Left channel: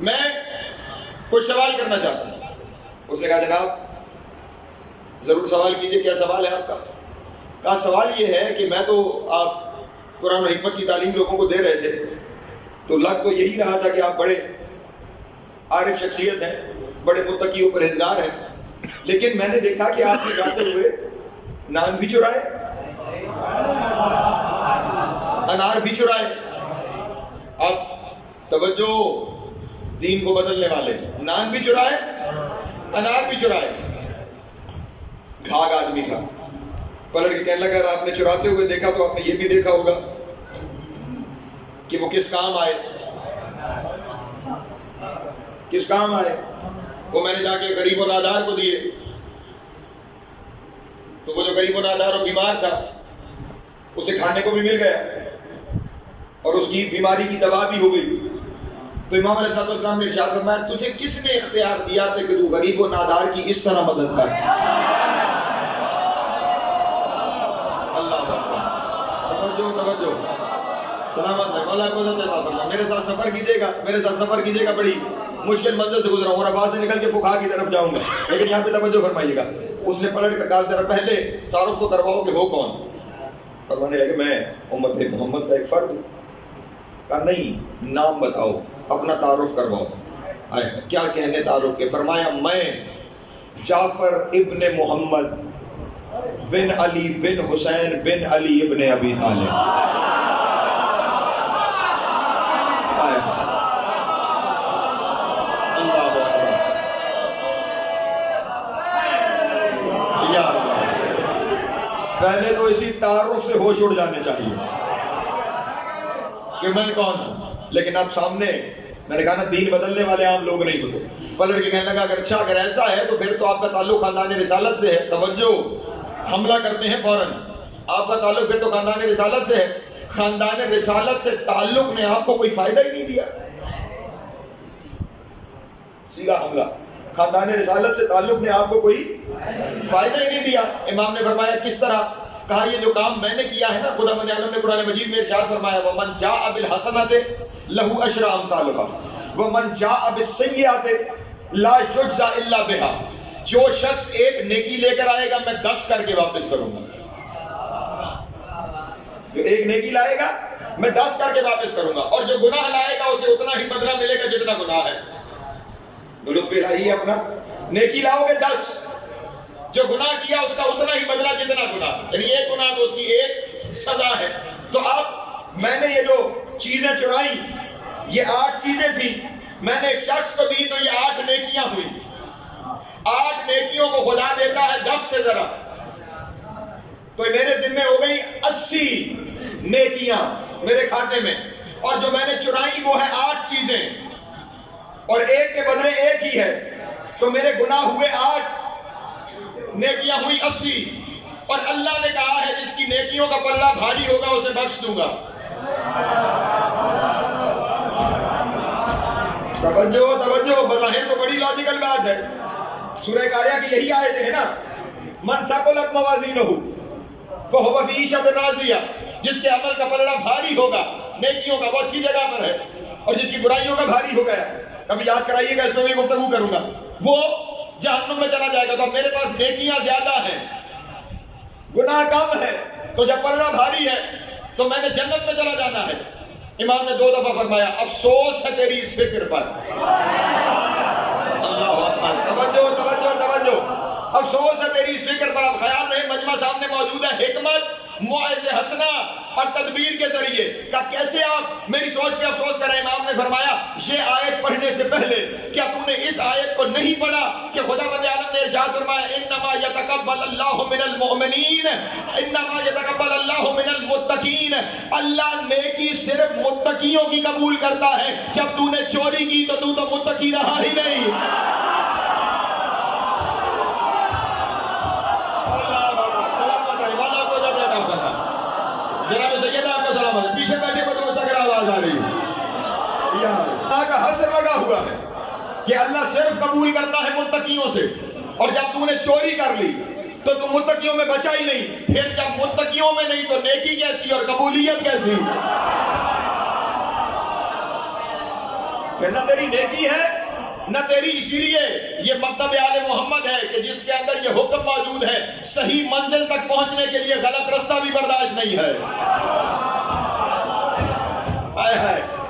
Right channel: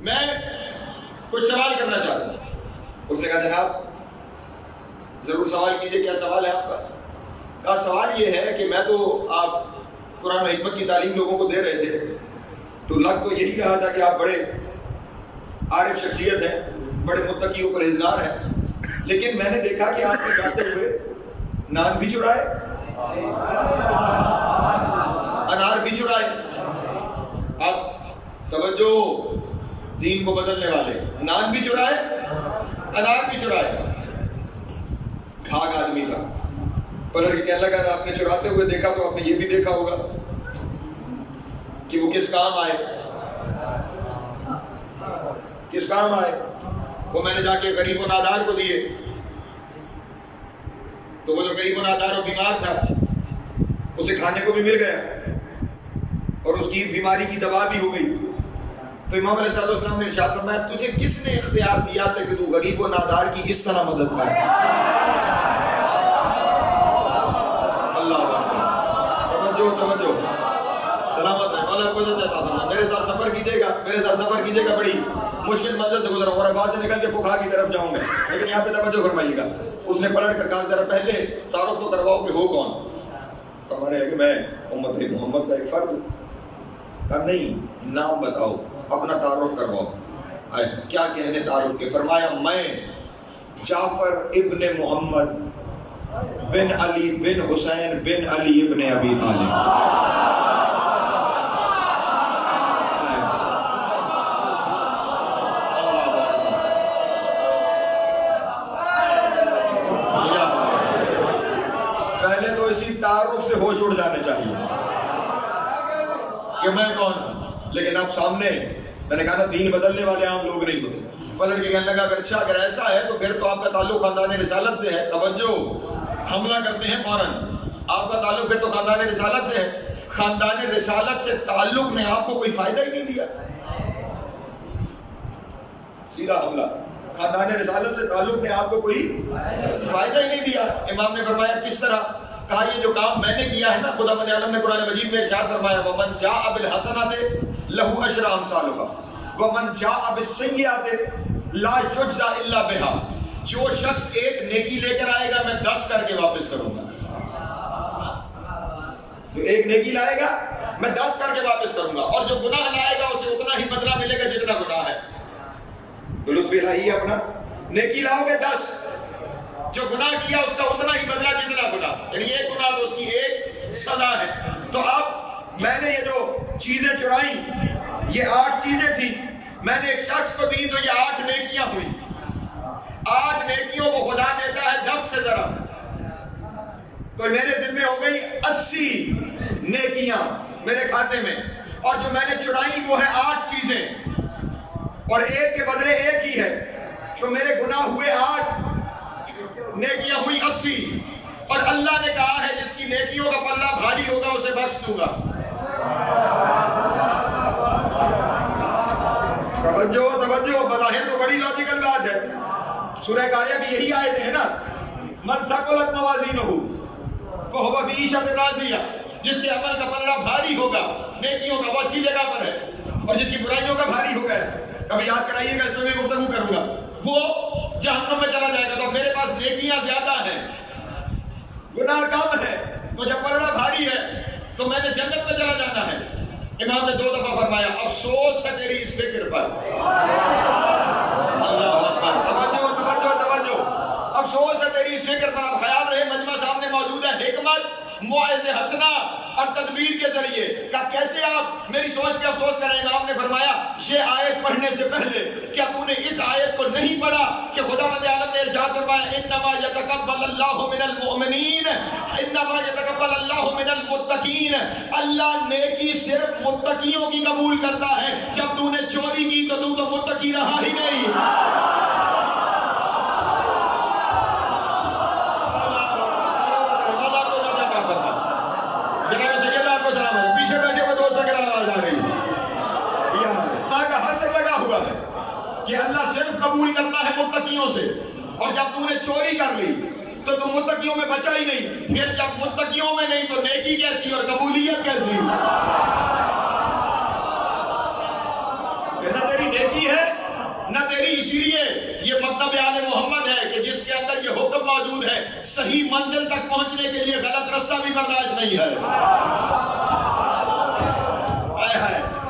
میں کچھ سوال کرنا چاہتا ہوں۔ اس نے کہا جناب ضرور سوال کیجئے، کیا سوال ہے آپ کا؟ کہا سوال یہ ہے کہ میں تو آپ قرآن و حکمت کی تعلیم لوگوں کو دے رہے تھے تو لگ تو یہی رہا تھا کہ آپ بڑے عارف شخصیت ہیں، بڑے متقی و پرہیزگار ہیں، لیکن میں نے دیکھا کہ آپ نے جاتے ہوئے نان بھی چرائے، انار بھی چرائے۔ آپ توجہ، دین کو بدلنے والے، نان بھی چرائے انار بھی چرائے۔ گھاگ آدمی تھا، پلٹ کے کہنے لگا آپ نے چراتے ہوئے دیکھا تو آپ نے یہ بھی دیکھا ہوگا کہ وہ کس کام آئے، کس کام آئے۔ وہ میں نے جا کے غریب و نادار کو دیے تو وہ جو غریب و نادار و بیمار تھا اسے کھانے کو بھی مل گیا اور اس کی بیماری کی دوا بھی ہو گئی۔ تو امام علیہ السلام نے ارشاد فرمایا تجھے کس نے اختیار دیا تھا کہ تو غریب و نادار کی اس طرح مدد کر؟ اللہ توجہ سلامت ہے، مولا کو عطا فرما۔ میرے ساتھ سفر کیجیے گا، بڑی مشکل منزل سے گزرا ہوں اور آباد سے نکل کے فقہا کی طرف جاؤں گا، لیکن یہاں پہ توجہ فرمائیے گا۔ اس نے پلٹ کر کہا ذرا پہلے تعارف تو کرواؤ کہ ہو کون؟ فرمانے لگے میں امت محمد کا ایک فرد۔ کہا نہیں، نام بتاؤ، اپنا تعارف کرواؤ۔ کیا کہنے تعارف کے؟ فرمایا میں جعفر ابن محمد بن علی بن حسین بن علی ابن ابی طالب۔ پہلے تو اسی تعارف سے ہوش اڑ جانے چاہیے کہ میں کون ہوں، لیکن اب سامنے میں نے کہا نا دین بدلنے والے عام لوگ نہیں ہوتے۔ پلٹ کے کہنے لگا اگر ایسا ہے تو پھر تو آپ کا تعلق خاندان رسالت سے ہے۔ توجہ، حملہ کرتے ہیں فوراً، آپ کا تعلق پھر تو خاندان رسالت سے ہے۔ خاندان رسالت سے تعلق نے آپ کو کوئی فائدہ ہی نہیں دیا، سیدھا حملہ۔ خاندان رسالت سے تعلق نے آپ کو کوئی فائدہ ہی نہیں دیا۔ امام نے فرمایا کس طرح؟ کہا یہ جو کام میں نے کیا ہے نا، خدا من عالم نے قرآن مجید میں ارشاد فرمایا وَمَنْ جَاءَ بِالْحَسَنَةِ لَهُ أَشْرُ أَمْثَالُهَا وَمَنْ جَاءَ بِالسَّيِّئَةِ لَا يُجْزَى إِلَّا بِهَا۔ جو شخص ایک نیکی لے کر آئے گا میں 10 کر کے واپس کروں گا۔ جو ایک نیکی لائے گا میں 10 کر کے واپس کروں گا، اور جو گناہ لائے گا اسے اتنا ہی بدلہ ملے گا جتنا گناہ ہے۔ لطف الہی اپنا، نیکی لاؤ گے 10، جو گناہ کیا اس کا اتنا ہی بدلہ جتنا گناہ، یعنی ایک گناہ تو اس کی ایک سزا ہے۔ تو اب میں نے یہ جو چیزیں چرائیں، یہ 8 چیزیں تھیں، میں نے ایک شخص کو دی تو یہ 8 نیکیاں ہوئی۔ 8 نیکیوں کو خدا دیتا ہے 10 سے ذرا، تو میرے ذمہ ہو گئی 80 نیکیاں میرے کھاتے میں، اور جو میں نے چرائیں وہ ہے 8 چیزیں، اور ایک کے بدلے ایک ہی ہے، تو میرے گناہ ہوئے 8، نیکیاں ہوئی 80، اور اللہ نے کہا ہے جس کی نیکیوں کا پلہ بھاری ہوگا اسے بخش دوں گا۔ توجہ، بظاہر تو بڑی لاجیکل بات ہے، سورہ قاریہ کی یہی آیتیں ہیں نا، من ثقلت موازینہ فہو فی عیشۃ راضیہ، جس کے عمل کا پلہ بھاری ہوگا، نیکیوں کا، وہ اچھی جگہ پر ہے، اور جس کی برائیوں کا بھاری ہو گیا، ابھی یاد کرائیے گا، اس میں میں گفتگو کروں گا، وہ جہنم میں چلا جائے گا۔ تو میرے پاس نیکیاں زیادہ ہیں، گناہ کم ہے، تو جب پلہ بھاری ہے تو میں نے جنت میں چلا جانا ہے۔ امام نے 2 دفعہ فرمایا افسوس ہے تیری اس فکر پر۔ توجہ، افسوس ہے تیری اس فکر پر۔ اب خیال رہے مجمع سامنے موجود ہے، حکمت، موعظ حسنہ اور تدبیر کے ذریعے کہ کیسے آپ میری سوچ پہ افسوس کریں۔ امام نے فرمایا یہ آیت پڑھنے سے پہلے کیا تو نے اس آیت کو نہیں پڑھا کہ خدا بند عالم نے ارشاد فرمایا انما یتقبل اللہ من المؤمنین، انما یتقبل اللہ من المتقین، اللہ نیکی صرف متقیوں کی قبول کرتا ہے۔ جب تو نے چوری کی تو تو متقی رہا ہی نہیں۔ کہ اللہ صرف قبول کرتا ہے متقیوں سے، اور جب تو نے چوری کر لی تو تم متقیوں میں بچا ہی نہیں، پھر جب متقیوں میں نہیں تو نیکی کیسی اور قبولیت کیسی؟ کہ نہ تیری نیکی ہے نہ تیری، اسی لیے یہ مکتب آل محمد ہے کہ جس کے اندر یہ حکم موجود ہے صحیح منزل تک پہنچنے کے لیے غلط رستہ بھی برداشت نہیں ہے۔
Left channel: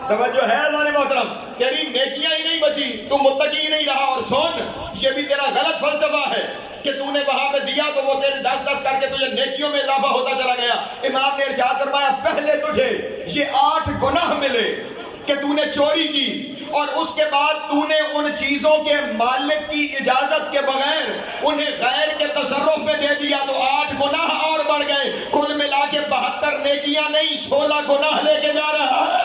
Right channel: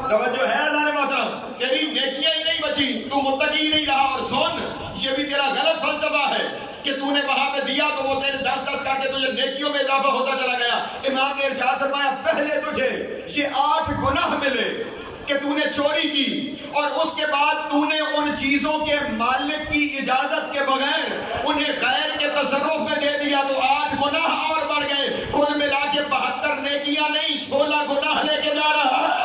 توجہ ہے اللہ محترم، تیری نیکیاں ہی نہیں بچی، تو متقی ہی نہیں رہا، اور سن یہ بھی تیرا غلط فلسفہ ہے کہ تو نے وہاں پہ دیا تو وہ تیرے 10 کر کے تجھے نیکیوں میں اضافہ ہوتا چلا گیا۔ امام نے ارشاد فرمایا پہلے تجھے یہ 8 گناہ ملے کہ تو نے چوری کی، اور اس کے بعد تو نے ان چیزوں کے مالک کی اجازت کے بغیر انہیں غیر کے تصرف میں دے دیا، تو 8 گناہ اور بڑھ گئے، کل ملا کے 72 نیکیاں نہیں 16 گناہ لے کے جا رہا ہے۔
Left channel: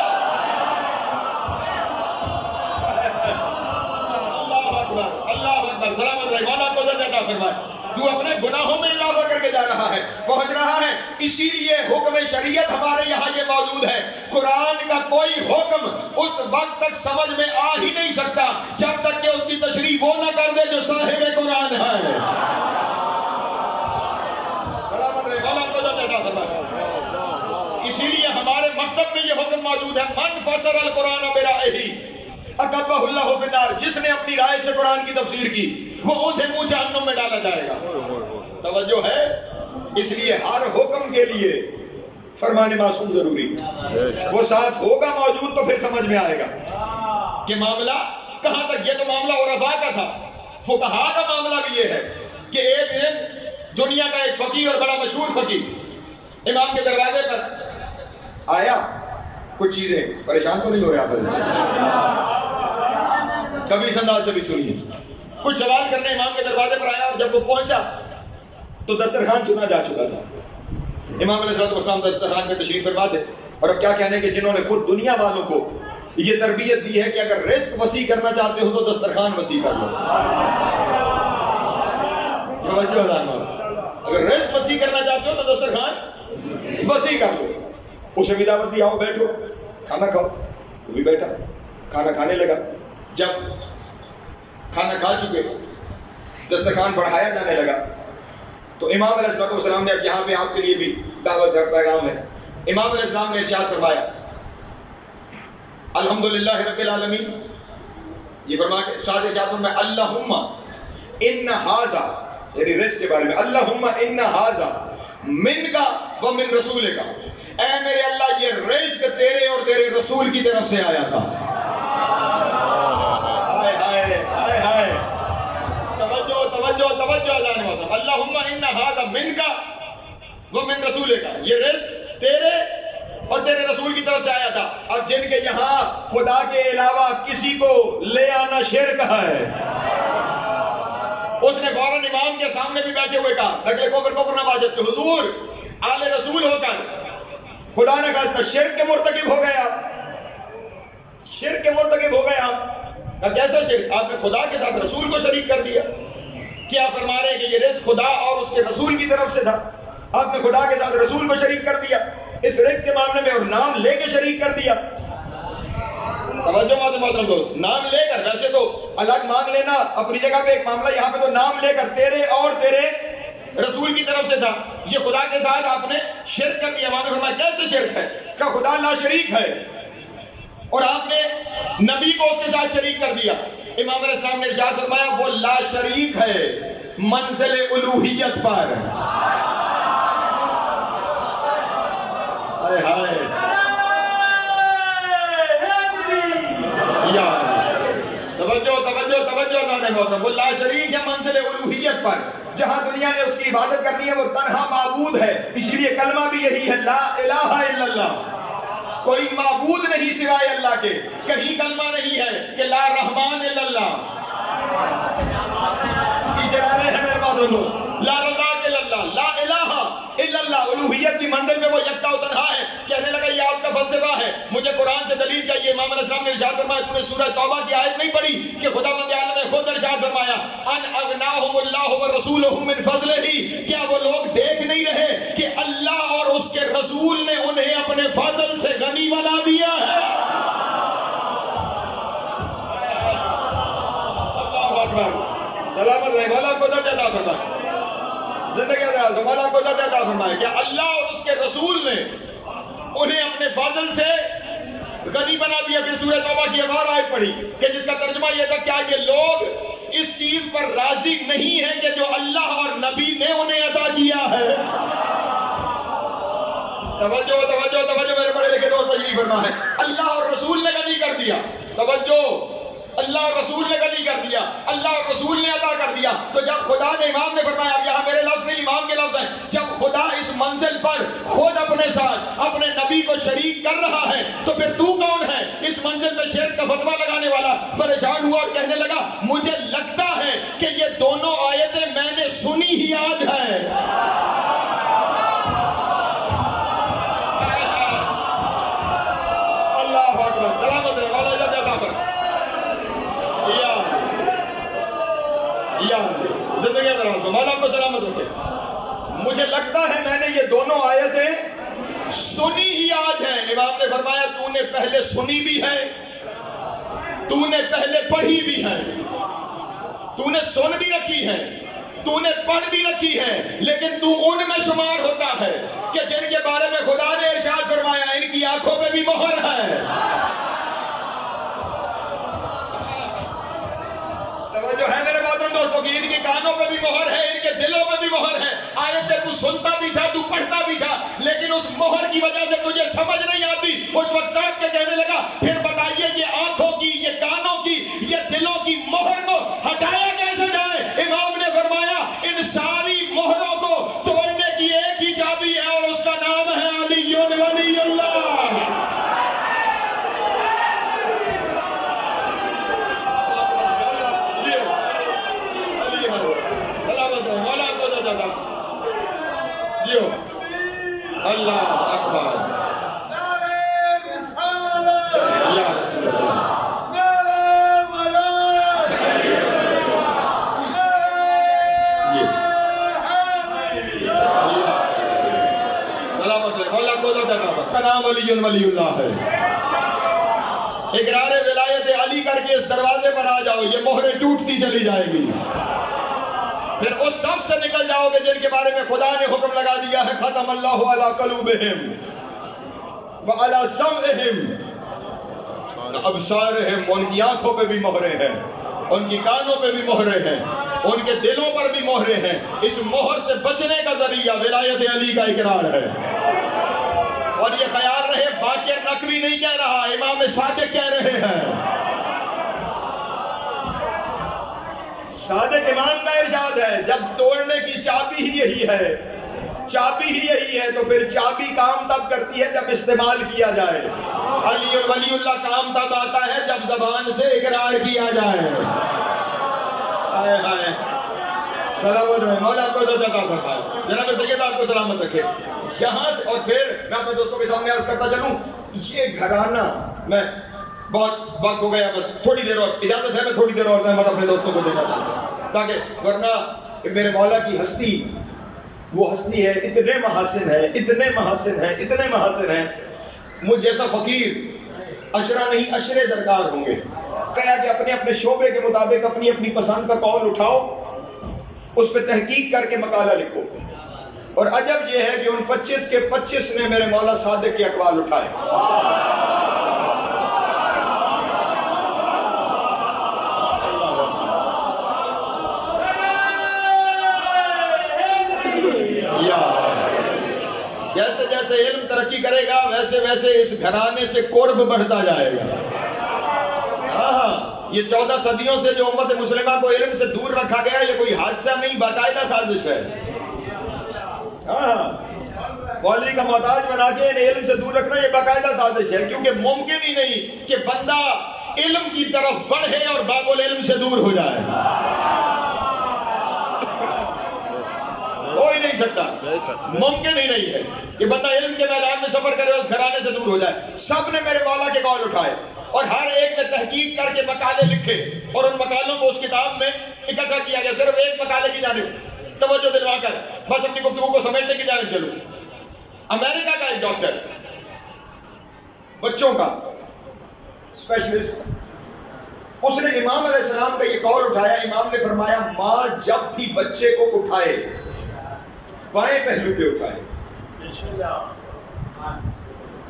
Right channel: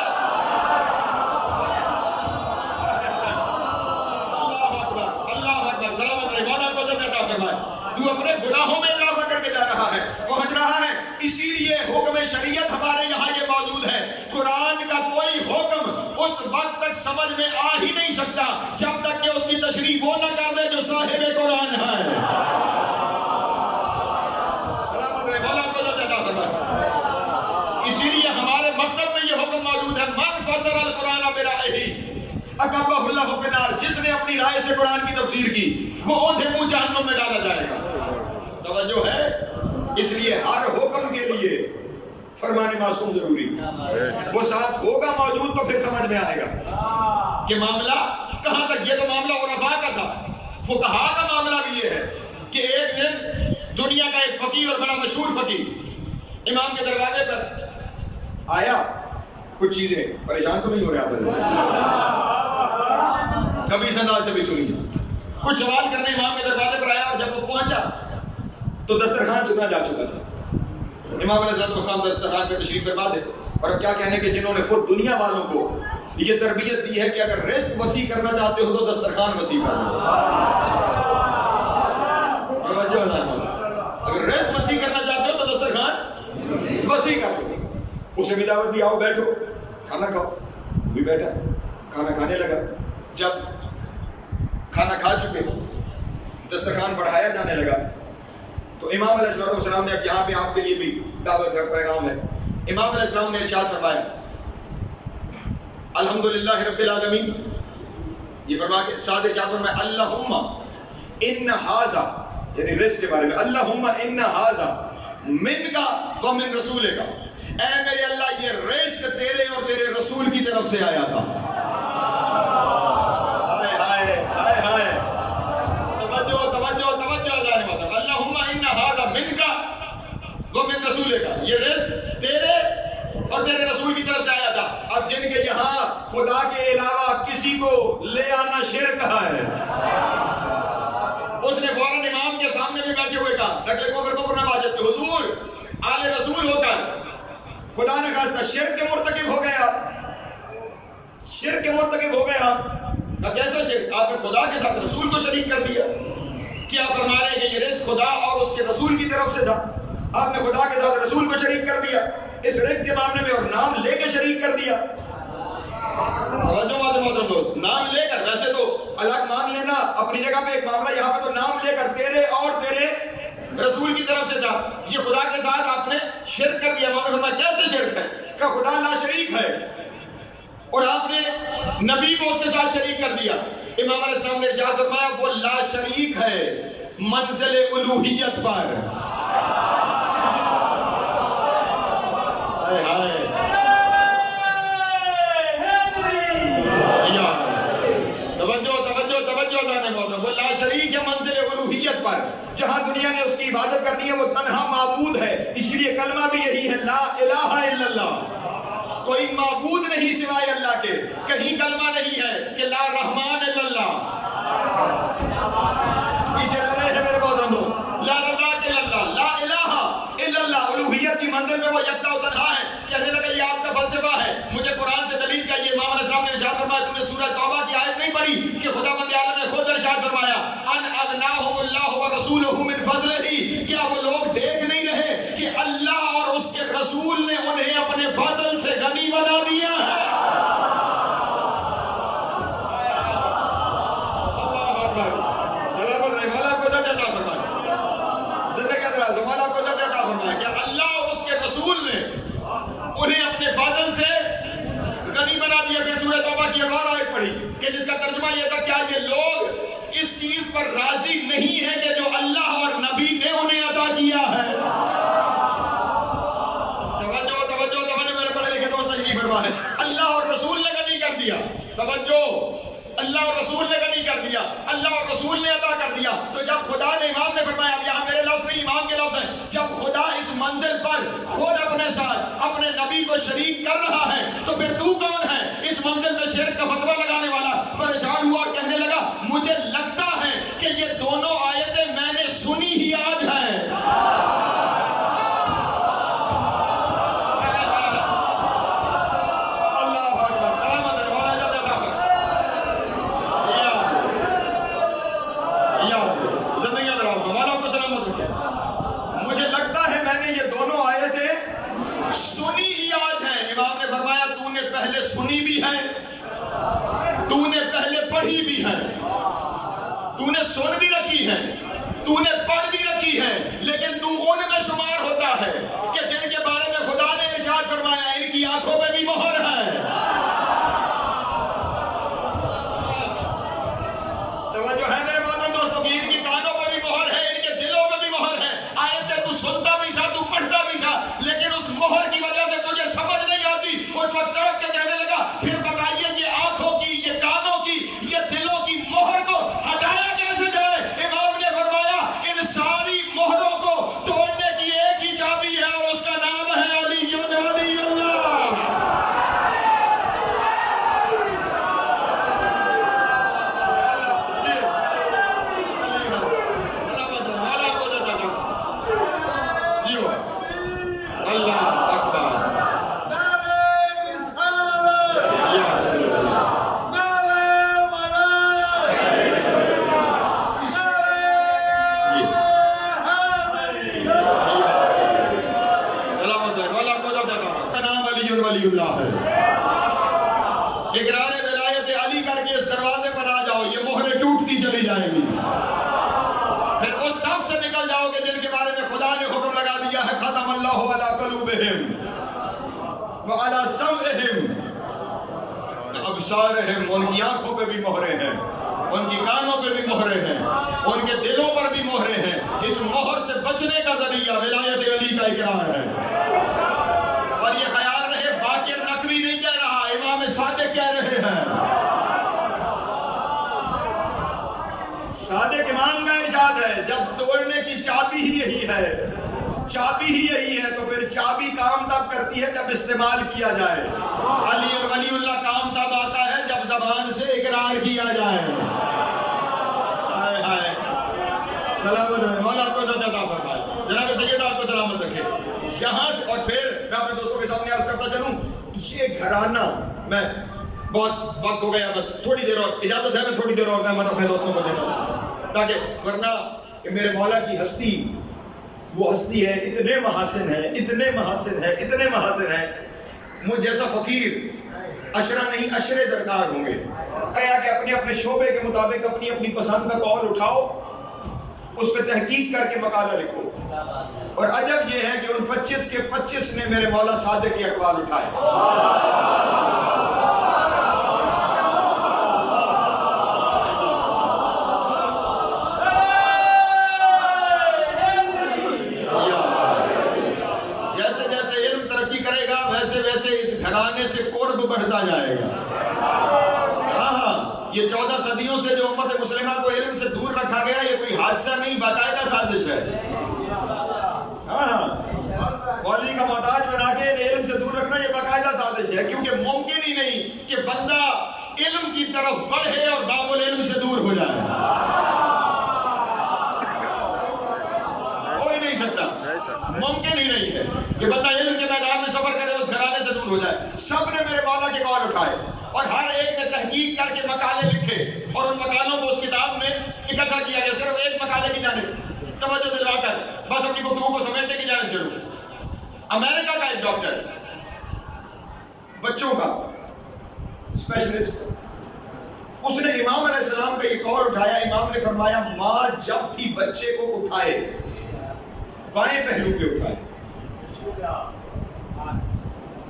تو اپنے گناہوں میں اضافہ کر کے جا رہا ہے، پہنچ رہا ہے۔ اسی لیے حکم شریعت ہمارے یہاں یہ موجود ہے، قرآن کا کوئی حکم اس وقت تک سمجھ میں آ ہی نہیں سکتا جب تک کہ اس کی تشریح وہ نہ کر دے جو صاحب قرآن ہے۔ اسی لیے ہمارے مکتب میں یہ حکم موجود ہے، من فسر القرآن برائہی اکبہ اللہ فی النار، جس نے اپنی رائے سے قرآن کی تفسیر کی وہ اوندھے منہ جہنم میں ڈالا جائے گا۔ توجہ ہے، اس لیے ہر حکم کے لیے فرمان معصوم ضروری، وہ ساتھ ہوگا موجود تو پھر سمجھ میں آئے گا کہ معاملہ کہاں تک۔ یہ تو معاملہ عرفاء کا تھا، فقہاء کا معاملہ بھی یہ ہے کہ ایک دن دنیا کا ایک فقیہ اور بڑا مشہور فقیہ امام کے دروازے پر آیا، کچھ چیزیں پریشان تو نہیں ہو رہے آپ کبھی اس انداز سے بھی سنیے، کچھ سوال کرنے امام کے دروازے پر آیا، اور جب وہ پہنچا تو دسترخوان چکنا جا چکا تھا۔ امام علیہ السلام دسترخوان پہ تشریف فرما دے، اور کیا کہنے کہ جنہوں نے خود دنیا والوں کو یہ تربیت دی ہے کہ اگر رزق وسیع کرنا چاہتے ہو تو دسترخوان وسیع کر لو۔ اگر رزق وسیع کرنا چاہتے ہو تو دسترخوان وسیع کر لو۔ اسے بھی دعوت دی، آؤ بیٹھو کھانا کھاؤ، وہ بھی بیٹھا کھانا کھانے لگا۔ جب کھانا کھا چکے دسترخوان بڑھایا جانے لگا تو امام علیہ السلام نے، اب یہاں پہ آپ کے لیے بھی دعوت کا پیغام ہے، امام علیہ السلام نے ارشاد فرمایا الحمدللہ رب العالمین، یہ فرما کے ساتھ ارشاد فرمایا اللہم ان ھذا، یعنی رزق کے بارے میں، اللہم ان ھذا منک و من رسولک، اے میرے اللہ یہ رزق تیرے اور تیرے رسول کی طرف سے آیا تھا۔ اللہم ان ھذا منک ومن رسولک، یہ رزق تیرے اور تیرے رسول کی طرف سے آیا تھا۔ اب جن کے یہاں خدا کے علاوہ کسی کو لے آنا شرک ہے، اس نے فوراً امام کے سامنے بھی بیٹھے ہوئے کہا تکلے کو کر بکر نمازت کہ حضور آل رسول ہو کر خدا نے کہا اس کا شرک کے مرتکب ہو گیا، شرک کے مرتکب ہو گیا۔ کیسا شرک؟ آپ نے خدا کے ساتھ رسول کو شریک کر دیا۔ کیا فرما رہے ہیں کہ یہ رزق خدا اور اس کے رسول کی طرف سے تھا، آپ نے خدا کے ساتھ رسول کو شریک کر دیا اس رزق کے معاملے میں، اور نام لے کے شریک کر دیا۔ نام لے کر، ویسے تو الگ مانگ لینا اپنی جگہ پہ ایک معاملہ، یہاں پہ تو نام لے کر تیرے اور تیرے رسول کی طرف سے تھا، یہ خدا کے ساتھ آپ نے شرک کر دیا۔ امام نے فرمایا کیسے شرک ہے؟ کہ خدا لا شریک ہے اور آپ نے نبی کو اس کے ساتھ شریک کر دیا۔ امام علیہ السلام نے ارشاد فرمایا وہ لا شریک ہے منزل الوہیت پر۔ وہ لا شریک ہے منزل الوہیت پر، جہاں دنیا نے اس کی عبادت کرنی ہے وہ تنہا معبود ہے، اسی لیے کلمہ بھی یہی ہے لا الہ الا اللہ، کوئی معبود نہیں سوائے اللہ کے۔ کہیں کلمہ نہیں ہے کہ لا رحمان الا اللہ، لا رزاق الا اللہ، لا الہ الا اللہ، الوہیت کی منزل میں وہ یکتا و تنہا ہے۔ کہنے لگا یہ آپ کا فلسفہ ہے، مجھے قرآن سے دلیل چاہیے۔ امام علیہ السلام نے ارشاد فرمایا تم نے سورہ توبہ کی آیت نہیں پڑھی کہ خداوند عالم نے خود ارشاد فرمایا ان اغناہم اللہ ورسولہ من فضلہ، کیا وہ لوگ دیکھ نہیں رہے کہ اللہ اور اس کے رسول نے انہیں اپنے فضل سے غنی بنا دیا ہے؟ سلامت رہے، مولا کو جب عطا فرمائے، زندگی دراز ہو، مولا کو جب عطا فرمائے کہ اللہ اور اس کے رسول نے انہیں اپنے فضل سے نہیں بنا دیا. پھر سورہ توبہ کی ایک اور آیت پڑھی کہ جس کا ترجمہ یہ تھا، کیا یہ لوگ اس چیز پر راضی نہیں ہیں کہ جو اللہ اور نبی نے انہیں عطا کیا ہے. توجہ توجہ توجہ میرے بڑے لکھے دوست تجریب فرما ہے. اللہ اور رسول نے غنی کر دیا. توجہ، اللہ اور رسول نے غنی کر دیا، اللہ اور رسول نے عطا کر دیا. تو جب خدا نے، امام نے فرمایا، اب یہاں میرے لفظ نہیں امام کے لفظ ہیں، جب خدا اس منزل پر خود اپنے ساتھ اپنے نبی کو شریک کر رہا ہے تو پھر تو کون ہے اس منزل میں شرک کا فتویٰ لگانے والا؟ پریشان ہوا اور کہنے لگا مجھے لگتا ہے کہ یہ دونوں آیتیں میں نے سنی ہی آج ہیں. مجھے لگتا ہے میں نے یہ دونوں آیتیں سنی ہی آج ہیں. امام نے فرمایا تو نے پہلے سنی بھی ہے، تو نے پہلے پڑھی بھی ہے، تو نے سن بھی رکھی ہے، تو نے پڑھ بھی رکھی ہے، لیکن تو ان میں شمار ہوتا ہے کہ جن کے بارے میں خدا نے ارشاد فرمایا ان کی آنکھوں میں بھی مہر ہے. توجہ ہے میرے محترم دوستوں کی؟ ان کی کانوں پہ بھی مہر ہے، ان کے دلوں پہ بھی مہر ہے. آیتیں تو سنتا بھی تھا، تو پڑھتا بھی تھا، لیکن اس مہر کی وجہ سے تجھے سمجھ نہیں آتی. اس وقت تڑپ کے کہنے لگا پھر بتائیے یہ آنکھوں کی، یہ کانوں کی، یہ دلوں کی مہر کو ہٹایا کیسے جائے؟ امام نے فرمایا ان ساری مہروں کو توڑنے کی ایک ہی چابی ہے اور اس کا نام ہے علی ولی اللہ. اللہ اکبر. ولی اللہ ہے. اقرار ولایت علی کر کے اس دروازے پر آ جاؤ، یہ مہریں ٹوٹتی چلی جائے گی. پھر اس سب سے نکل جاؤ گے جن کے بارے میں خدا نے حکم لگا دیا ہے ختم اللہ علی قلوبہم وعلی سمعہم ابصارہم. ان کی آنکھوں پہ بھی مہریں ہیں، ان کی کانوں پہ بھی مہریں ہیں، ان کے دلوں پر بھی مہریں ہیں. اس مہر سے بچنے کا ذریعہ ولایت علی کا اقرار ہے. اور یہ خیال رہے باقر نقوی نہیں کہہ رہا، امام صادق کہہ رہے ہیں. صادق امام کا ارشاد ہے جب توڑنے کی چابی ہی یہی ہے، چابی ہی یہی ہے تو پھر چابی کام تب کرتی ہے جب استعمال کیا جائے. علی اور ولی اللہ کام تب آتا ہے جب زبان سے اقرار کیا جائے. مولا کو جناب سید آپ کو سلامت رکھے. یہاں سے اور پھر میں اپنے دوستوں کے سامنے عرض کرتا چلوں، یہ گھرانہ، میں بہت وقت ہو گیا، بس تھوڑی دیر اور اجازت ہے، میں تھوڑی دیر اور میں اپنے دوستوں کو دینا چاہتا ہوں تاکہ ورنہ میرے مولا کی ہستی وہ ہستی ہے، اتنے محاسن ہے، اتنے محاسن ہے، اتنے محاسن ہے. مجھ جیسا فقیر عشرہ نہیں عشرے درکار ہوں گے. کہا کہ اپنے اپنے شعبے کے مطابق اپنی اپنی پسند کا قول اٹھاؤ، اس پہ تحقیق کر کے مقالہ لکھو. اور عجب یہ ہے کہ ان 25 کے 25 نے میرے مولا صادق کے اقوال اٹھائے. جیسے جیسے علم ترقی کرے گا ویسے ویسے اس گھرانے سے قرب بڑھتا جائے گا. یہ 14 صدیوں سے جو امت مسلمہ کو علم سے دور رکھا گیا یہ کوئی حادثہ نہیں، باقاعدہ سازش ہے. مولوی کا محتاج بنا کے علم سے دور رکھنا یہ باقاعدہ سازش ہے، کیونکہ ممکن ہی نہیں کہ بندہ علم کی طرف بڑھے اور باب العلم سے دور ہو جائے. ہو ہی نہیں سکتا، ممکن ہی نہیں ہے کہ بندہ علم کے میدان میں سفر کرے اور اس گھرانے سے دور ہو جائے. سب نے میرے مولا کے قول اٹھائے اور ہر ایک نے تحقیق کر کے مقالے لکھے اور ان مقالوں کو اس کتاب میں اکٹھا کیا گیا. صرف ایک مقالے کی جانب توجہ دلوا کر بس اپنی گفتگو کو سمیٹنے کی جانب چلو. امریکہ کا ایک ڈاکٹر، بچوں کا اسپیشلسٹ، اس نے امام علیہ السلام کا یہ قول اٹھایا. امام نے فرمایا ماں جب بھی بچے کو اٹھائے بائیں پہلو پہ اٹھائے.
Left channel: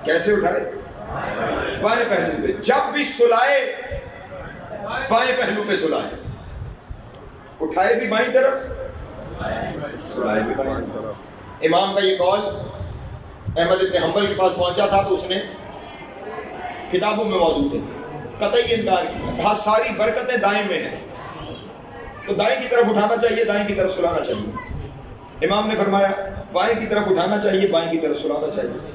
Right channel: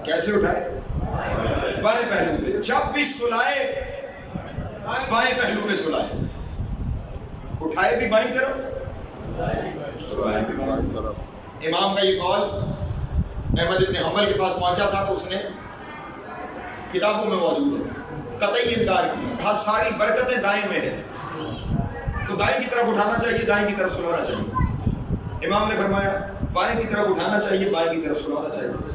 کیسے اٹھائے؟ بائیں پہلو پہ. جب بھی سلائے بائیں پہلو پہ سلائے. اٹھائے بھی بائیں طرف, سلائے بھی بائیں طرف. امام کا یہ قول احمد ابن حنبل کے پاس پہنچا تھا تو اس نے کتابوں میں موجود ہے, قطعی انکار کیا, کہا ساری برکتیں دائیں میں ہیں, تو دائیں کی طرف اٹھانا چاہیے, دائیں کی طرف سلانا چاہیے. امام نے فرمایا بائیں کی طرف اٹھانا چاہیے, بائیں کی طرف سلانا چاہیے.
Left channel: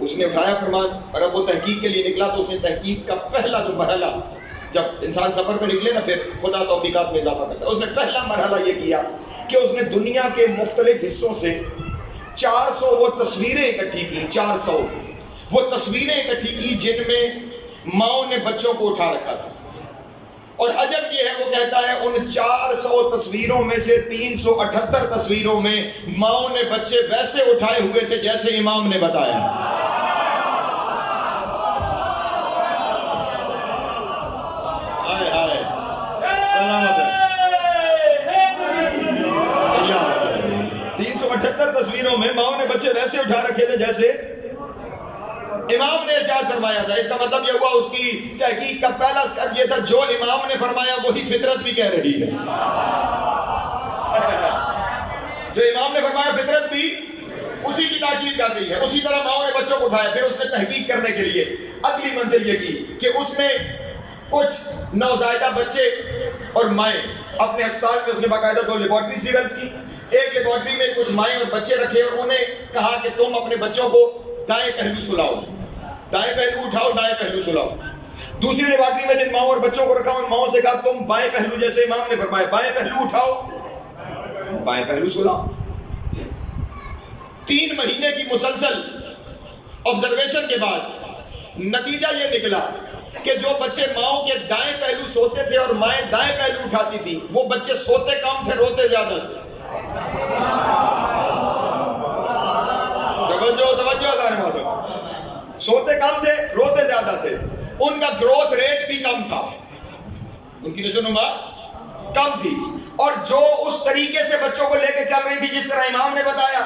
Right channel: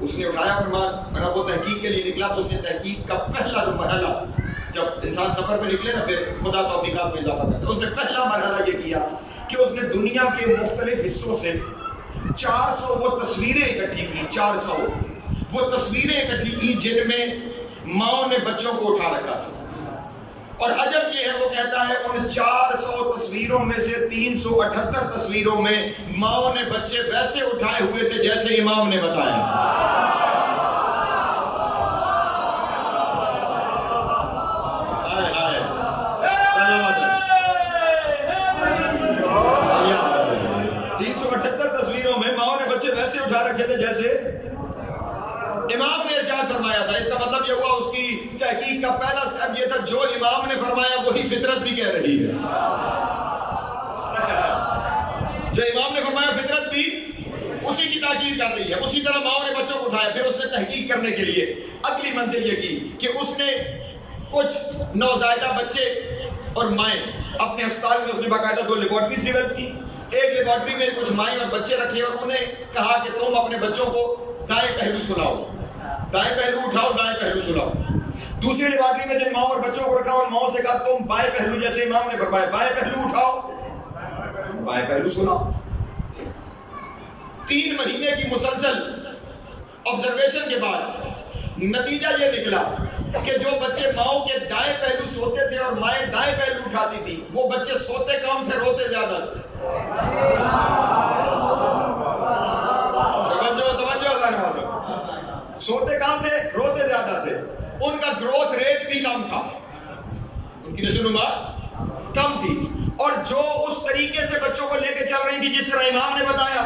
اس نے اٹھایا, فرمان رب وہ تحقیق کے لیے نکلا تو اس نے تحقیق کا پہلا جو مرحلہ, جب انسان سفر پہ نکلے نا پھر خدا توفیقات میں اضافہ کرتا ہے, اس نے پہلا مرحلہ یہ کیا کہ اس نے دنیا کے مختلف حصوں سے 400 وہ تصویریں اکٹھی کی, 400 وہ تصویریں اکٹھی کی جن میں ماؤں نے بچوں کو اٹھا رکھا تھا. اور عجب یہ ہے, وہ کہتا ہے ان 400 تصویروں میں سے 378 تصویروں میں ماؤں نے بچے ویسے اٹھائے ہوئے تھے جیسے امام نے بتایا. آئے آئے 378 تصویروں میں ماؤں نے بچے ویسے اٹھا رکھے تھے جیسے امام نے ارشاد فرمایا تھا. اس کا مطلب یہ ہوا اس کی تحقیق کا پہلا سٹیپ یہ تھا جو امام نے فرمایا وہی فطرت بھی کہہ رہی ہے. جو امام نے فرمایا فطرت بھی اسی کی تاکید کر رہی ہے. اسی طرح ماؤں نے بچوں کو اٹھایا. پھر اس نے تحقیق کرنے کے لیے اگلی منزل یہ کی کہ اس نے کچھ نوزائیدہ بچے اور مائیں اپنے ہسپتال میں اس نے باقاعدہ 2 لیبارٹریز ڈیولپ کی. ایک لیبارٹری میں کچھ مائیں اور بچے رکھے اور انہیں کہا کہ تم اپنے بچوں کو دائیں پہلو سلاؤ, دائیں پہلو اٹھاؤ, دائیں پہلو سلاؤ. دوسری لیبارٹری میں جن ماؤں اور بچوں کو رکھا ان ماؤں سے کہا تم بائیں پہلو جیسے امام نے فرمایا بائیں پہلو اٹھاؤ, بائیں پہلو سلاؤ. 3 مہینے کی مسلسل آبزرویشن کے بعد نتیجہ یہ نکلا کہ جو بچے ماؤں کے دائیں پہلو سوتے تھے اور مائیں دائیں پہلو اٹھاتی تھی وہ بچے سوتے کم تھے, روتے زیادہ تھے. سوتے کم تھے, روتے زیادہ تھے. ان کا گروتھ ریٹ بھی کم تھا, ان کی نشوونما کم تھی. اور جو اس طریقے سے بچوں کو لے کے چل رہی تھی جس طرح امام نے بتایا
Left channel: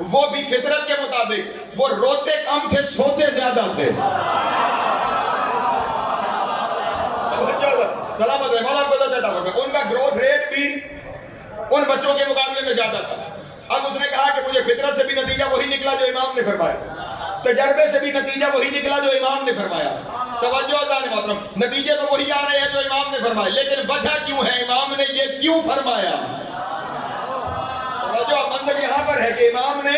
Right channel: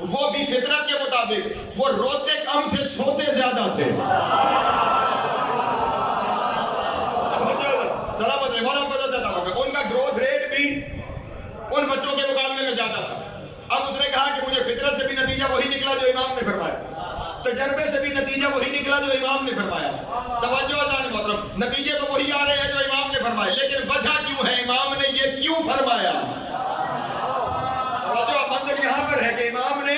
وہ بھی فطرت کے مطابق وہ روتے کم تھے, سوتے زیادہ تھے. ان کا گروتھ ریٹ بھی ان بچوں کے مقابلے میں زیادہ تھا. اب اس نے کہا کہ مجھے فطرت سے بھی نتیجہ وہی نکلا جو امام نے فرمایا, تجربے سے بھی نتیجہ وہی نکلا جو امام نے فرمایا. توجہ عزیزان محترم, نتیجے تو وہی آ رہے ہیں جو امام نے فرمایا, لیکن وجہ کیوں ہے, امام نے یہ کیوں فرمایا؟ توجہ, منظر یہاں پر ہے کہ امام نے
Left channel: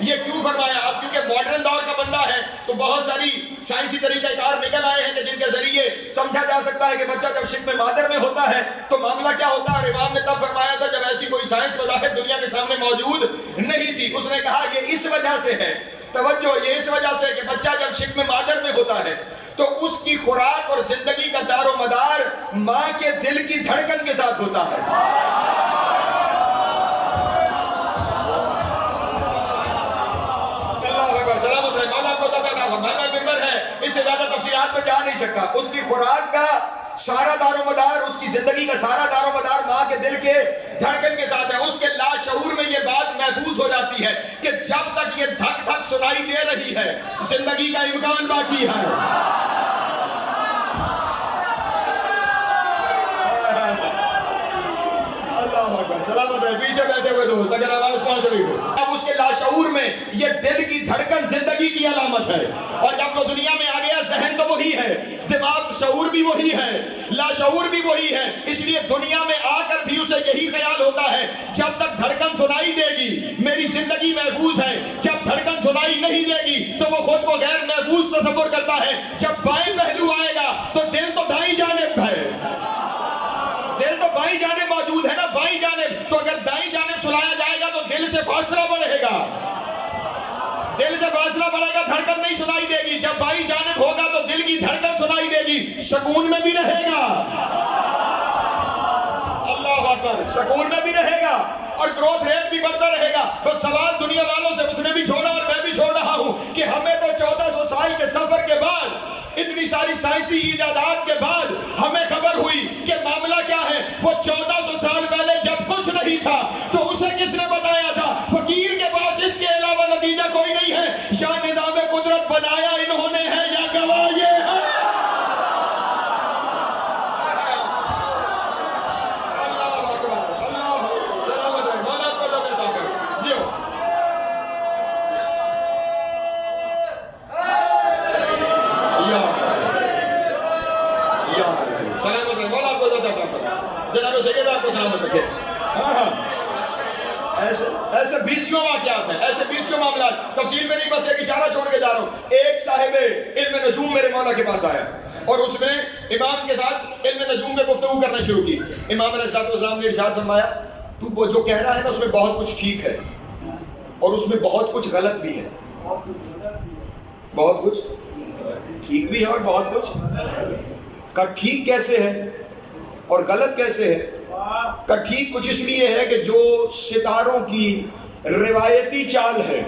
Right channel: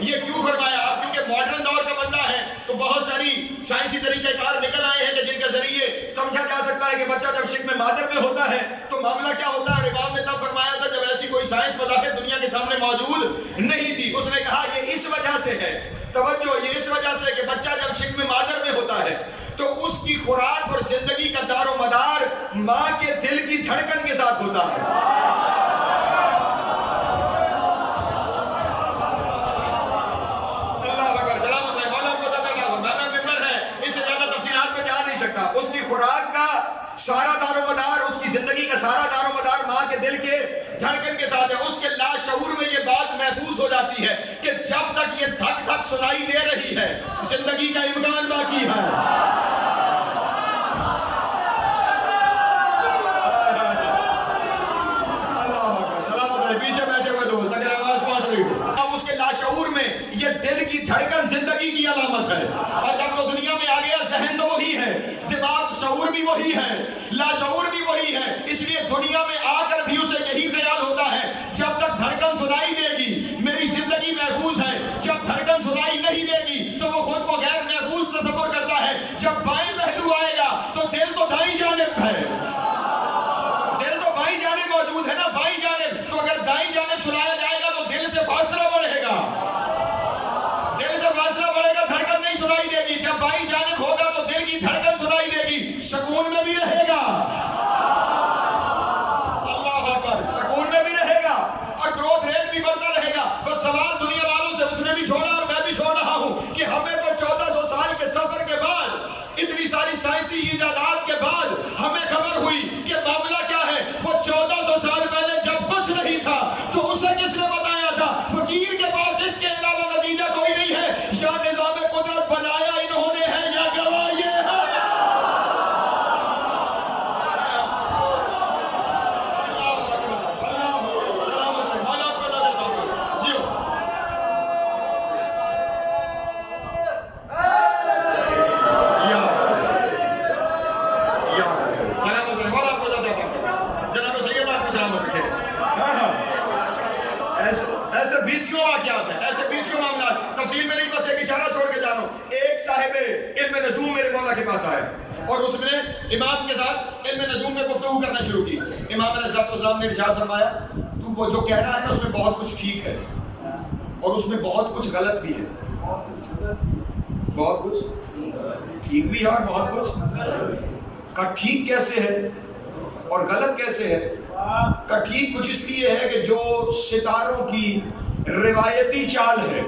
یہ کیوں فرمایا. اب کیونکہ ماڈرن دور کا بندہ ہے تو بہت ساری سائنسی طریقہ کار نکل آئے ہیں کہ جن کے ذریعے سمجھا جا سکتا ہے کہ بچہ جب شکم مادر میں ہوتا ہے تو معاملہ کیا ہوتا ہے. امام نے تب فرمایا تھا جب ایسی کوئی سائنس بظاہر دنیا کے سامنے موجود نہیں تھی. اس نے کہا یہ اس وجہ سے ہے, توجہ, یہ اس وجہ سے کہ بچہ جب شکم مادر میں ہوتا ہے تو اس کی خوراک اور زندگی کا دار و مدار ماں کے دل کی دھڑکن کے ساتھ ہوتا ہے. سکتا. اس کی خوراک کا سارا دار و مدار, اس کی زندگی کا سارا دار و مدار ماں کے دل کے دھڑکن کے ساتھ ہے. اس کے لاشعور میں یہ بات محفوظ ہو جاتی ہے کہ جب تک یہ دھک دھک سنائی دے رہی ہے زندگی کا امکان باقی ہے. پیچھے بیٹھے ہوئے دوست اگر آواز پہنچ رہی ہو, اب اس کے لاشعور میں یہ دل کی دھڑکن زندگی کی علامت ہے. اور جب وہ دنیا میں آ گیا ذہن تو وہی ہے, دماغ شعور بھی وہی ہے, لاشعور بھی وہی ہے. اس لیے دنیا میں آ کر بھی اسے یہی خیال ہوتا ہے جب تک دھڑکن سنائی دے گی میری زندگی محفوظ ہے, جب دھڑکن سنائی نہیں دے گی تو وہ خود کو غیر محفوظ تصور کرتا ہے. جب بائیں پہلو آئے گا تو دل تو دائیں جانب ہے, دل تو بائیں جانب موجود ہے نا, بائیں جانب. تو اگر دائیں جانب سنایا جائے گا تو دل سے فاصلہ بڑھے گا, دل سے فاصلہ بڑھے گا, دھڑکن نہیں سنائی دے گی. جب بائیں جانب ہوگا تو دل کی دھڑکن سنائی دے گی, سکون میں بھی رہے گا. اللہ اکبر, سکون میں بھی رہے گا اور گروتھ ریٹ بھی بڑھتا رہے گا. بس سوال دنیا والوں سے اس نے بھی چھوڑا اور میں بھی چھوڑ رہا ہوں کہ ہمیں تو 1400 سال کے سفر کے بعد, اتنی ساری سائنسی ایجادات کے بعد ہمیں خبر ہوئی کہ معاملہ کیا ہے. وہ 1400 سال پہلے جب کچھ نہیں تھا تو اسے کس نے بتایا تھا؟ فقیر کے پاس اس کے علاوہ نتیجہ کوئی نہیں ہے. یا نظام قدرت بنایا انہوں نے ہے سلامت رکھے. ایسے 20 واقعات ہیں, ایسے 20 معاملات, تفصیل میں نہیں, بس ایک اشارہ چھوڑ کے جا رہا ہوں. ایک صاحب علم نجوم میرے مولا کے پاس آیا اور اس نے امام کے ساتھ علم نجوم میں گفتگو کرنا شروع کی. امام علیہ السلام نے ارشاد فرمایا, تو جو کہہ رہا ہے نا اس میں بہت کچھ ٹھیک ہے اور اس میں بہت کچھ غلط بھی ہے. بہت کچھ ٹھیک بھی ہے اور بہت کچھ کا ٹھیک کیسے ہے اور غلط کیسے ہے؟ کا ٹھیک کچھ اس لیے ہے کہ جو ستاروں کی روایتی چال ہے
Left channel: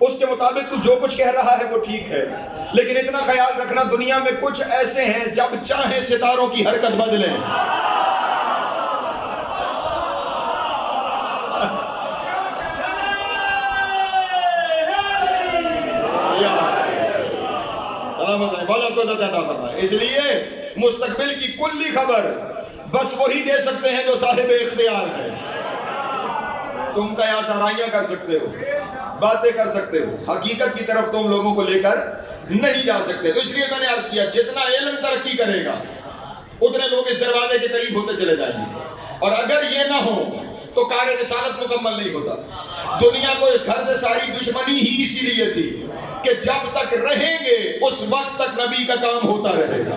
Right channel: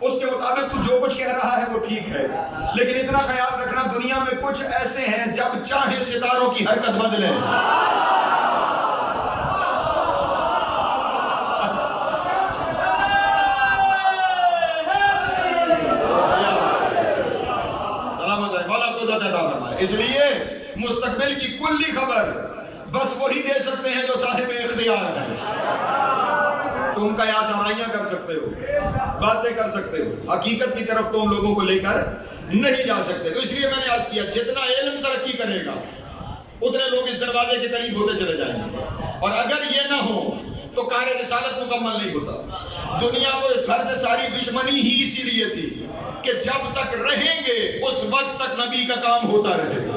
اس کے مطابق تو جو کچھ کہہ رہا ہے وہ ٹھیک ہے, لیکن اتنا خیال رکھنا دنیا میں کچھ ایسے ہیں جب چاہیں ستاروں کی حرکت بدلیں. اس لیے مستقبل کی کلی خبر بس وہی دے سکتے ہیں جو صاحب اختیار ہیں. تم کا یہاں سمائیاں کر سکتے ہو, باتیں کر سکتے ہو, حقیقت کی طرف تم لوگوں کو لے کر نہیں جا سکتے. تو اس لیے میں نے عرض کیا, جتنا علم ترقی کرے گا اتنے لوگ اس دروازے کے قریب ہوتے چلے جائیں گے, اور اگر یہ نہ ہو تو کار رسالت مکمل نہیں ہوتا. دنیا کو اس گھر سے ساری دشمنی ہی اسی لیے تھی کہ جب تک رہیں گے اس وقت تک نبی کا کام ہوتا رہے گا.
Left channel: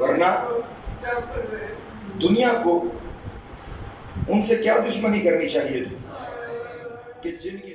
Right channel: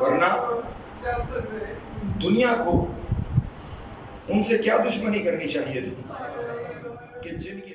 ورنہ دنیا کو ان سے کیا دشمنی کرنی چاہیے تھی کہ جن کی